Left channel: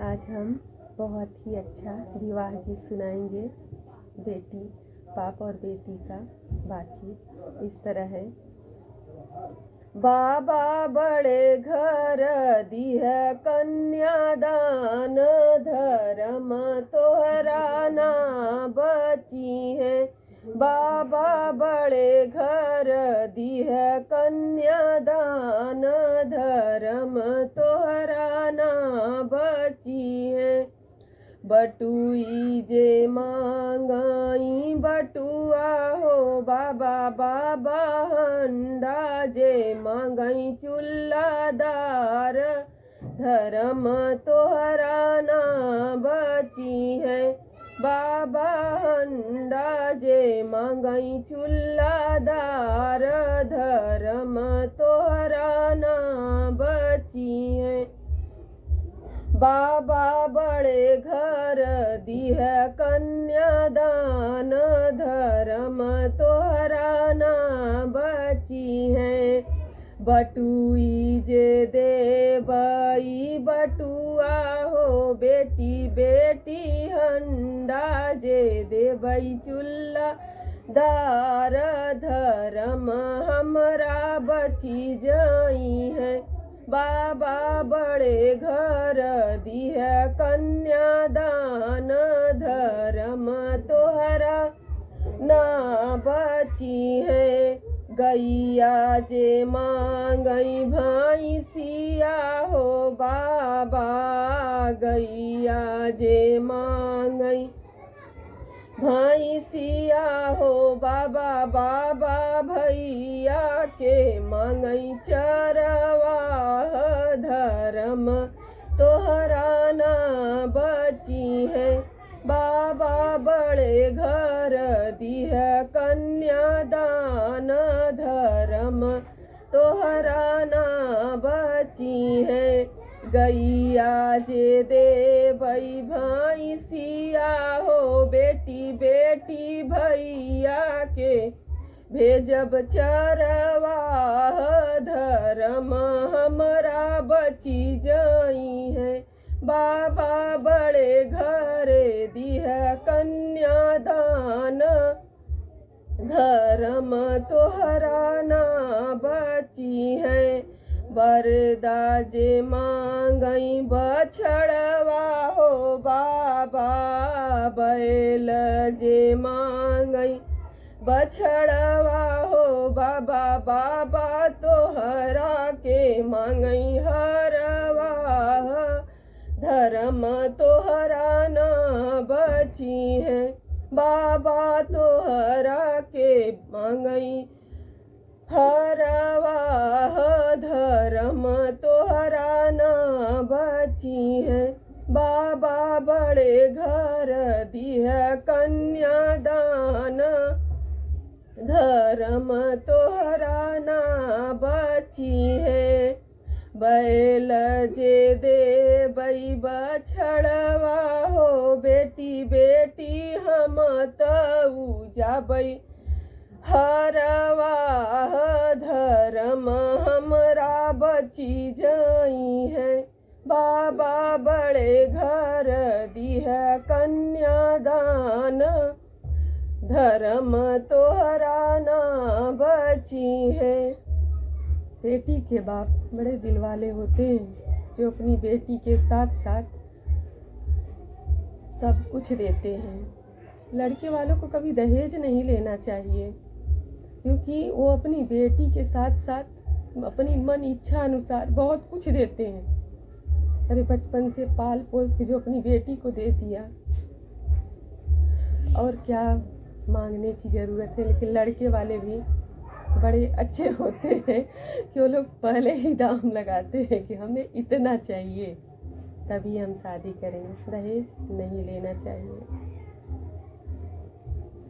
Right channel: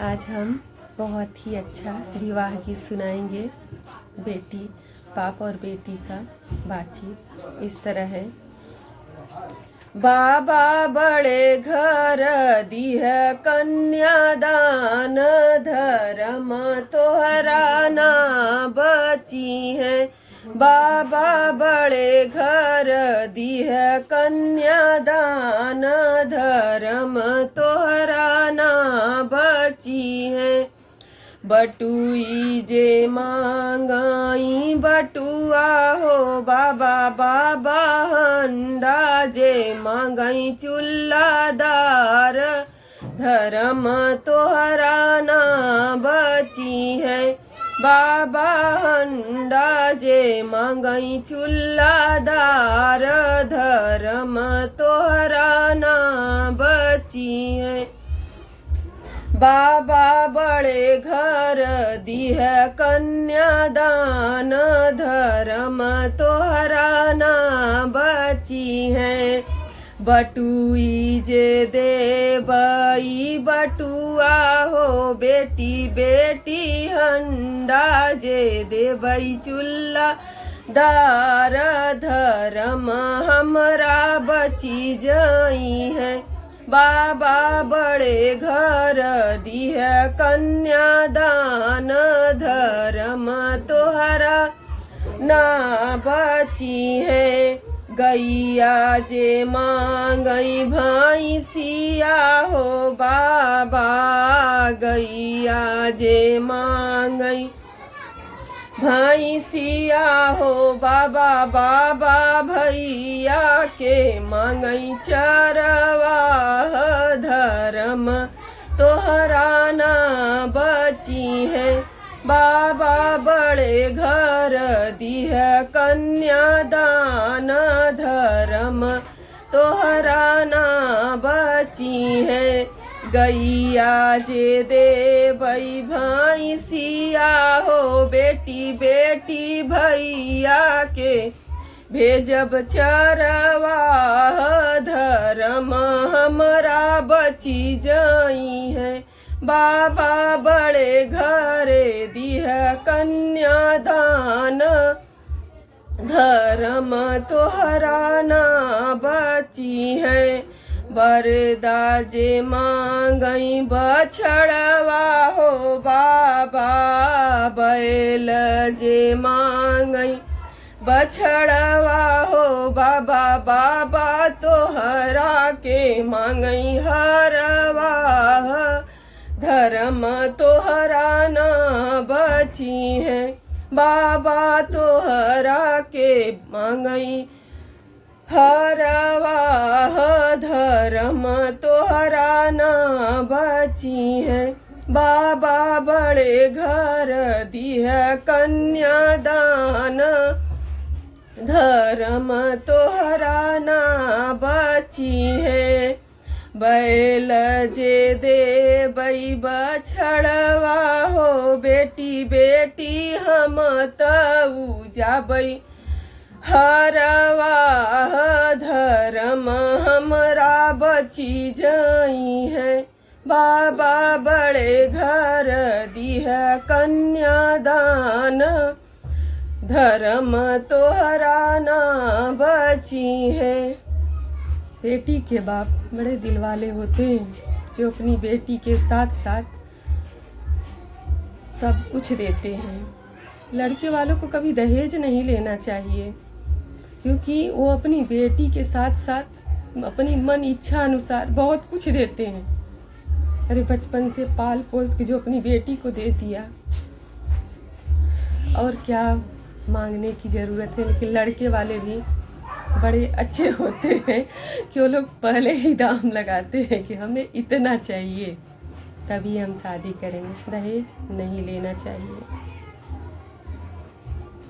आज हम बहुत ही अच्छा विवाह गीत सुनाएंगे। बेटी बाप और बेटी का बातचीत इस तरह है। बाबा बड़े घर दिह कन्यादान, धर्म तोहरा ना बची है। बाबा बड़े घर दिह कन्यादान, धर्म तोहरा ना बची है। बटुई जे मांगाई बटुआ हो बाबा, बाबा हंडा जे मांगाई चूल्हादार, धर्म तोहरा ना बची है। बाबा हंडा जे मांगाई चूल्हादार, धर्म तोहरा ना बची है। बाबा बड़े घर दिह कन्यादान, धर्म तोहरा ना बची है। बटुई जे देबई बटुआ हो बेटी, बेटी हंडा जे देबई चूल्हा दार, धर्म हमरा बची जाई है। बाबा बड़े घर दिह कन्यादान, धर्म तोहरा ना बची है। गैया जे मांगई भैंसिया हो बाबा, गैया जे मांगई भैंसिया हो बाबा, बाबा भैया के मांगई चरवा, धर्म तोहरा ना बची है। बाबा बड़े घर दिह कन्यादान, धर्म तोहरा ना बची है। गैया जे देबई भैंसिया हो बेटी, बेटी भैया के भेजब चरवा, धर्म हमरा बची जाई है। बाबा बड़े घरे दिह कन्यादान, धर्म तोहरा ना बची है। बरदा जे मांगई बछड़वा हो बाबा, बैल जे मांगई बछड़वा हो बाबा, बाबा तोहरा के मांगई हरवा, धर्म तोहरा ना बची है। बाबा तोहरा के मांगई हरवा, धर्म तोहरा ना बची है। बाबा बड़े घर दिह कन्यादान, धर्म तोहरा ना बची है। बैल जे देबई बछड़वा हो बेटी, बेटी हम तऊ जाबई हरवा, धर्म हमरा बची जाई है। बाबा बड़े घर दिह कन्यादान, धर्म तोहरा ना बची है। बेटी के बाप बड़े दिल वाले होते हैं, जो अपनी बेटी के साथ साथ सब कुछ देते हैं। लड़के वालों को कभी दहेज नहीं लेना चाहिए, क्योंकि वो अपनी बेटी के साथ साथ अपनी मन इच्छा अनुसार बहुत कुछ देते हैं। अरे बचपन से पाल पोस के जो अपनी बेटी को दे दिया, और क्या मांगने की ज़रूरत है। लेकिन लड़के वाले भी बड़े अच्छे होते हैं कि वो लोग पहले ही दाम लगाते हैं कि हमें इतना चाहिए, तभी हम शादी करेंगे। दहेज नहीं लेना चाहिए।